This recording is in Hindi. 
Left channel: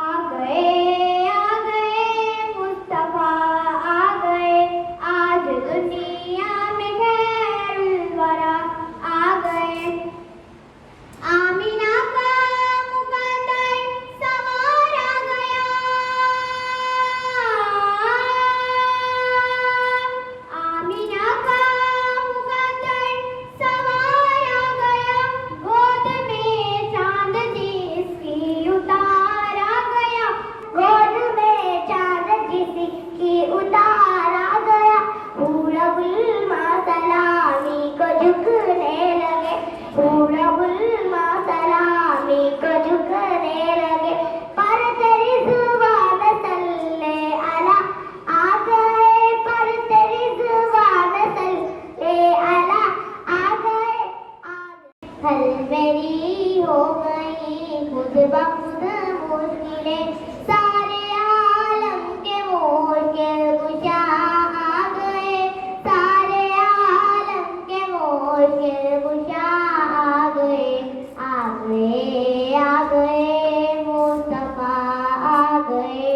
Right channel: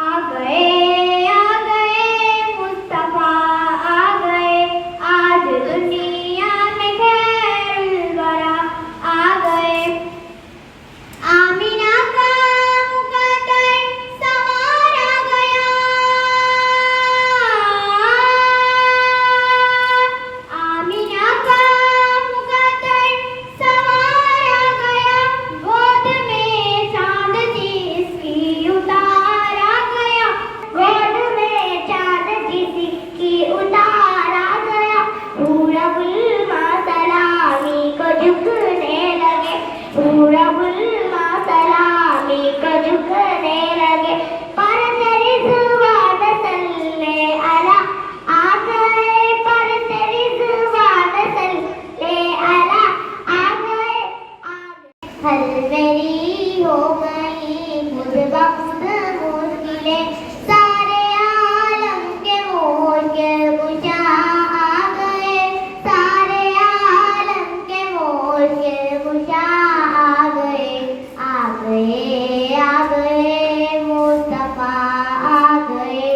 आ गए मुस्तफा आ गए आज दुनिया में खैरुल वरा आ गए आमिना का मुकद्दर सवारा गया आमिना का मुकद्दर सवारा गया गोद में चांद जिसकी उतारा गया गोद में चांद जिसकी उतारा गया पूरा गुलमा सलामी को झुकने लगे पूरा गुलमा सलामी को झुकने लगे पर तेरी जुबान सल्ले अला आ गए पर तेरी जुबान सल्ले अला आ गए हल मेरी हो गई खुद बखुद मुश्किलें सारे आलम के मोल के कुशा आ गए सारे आलम के मोल के कुशा आ गए मुस्तफा आ गए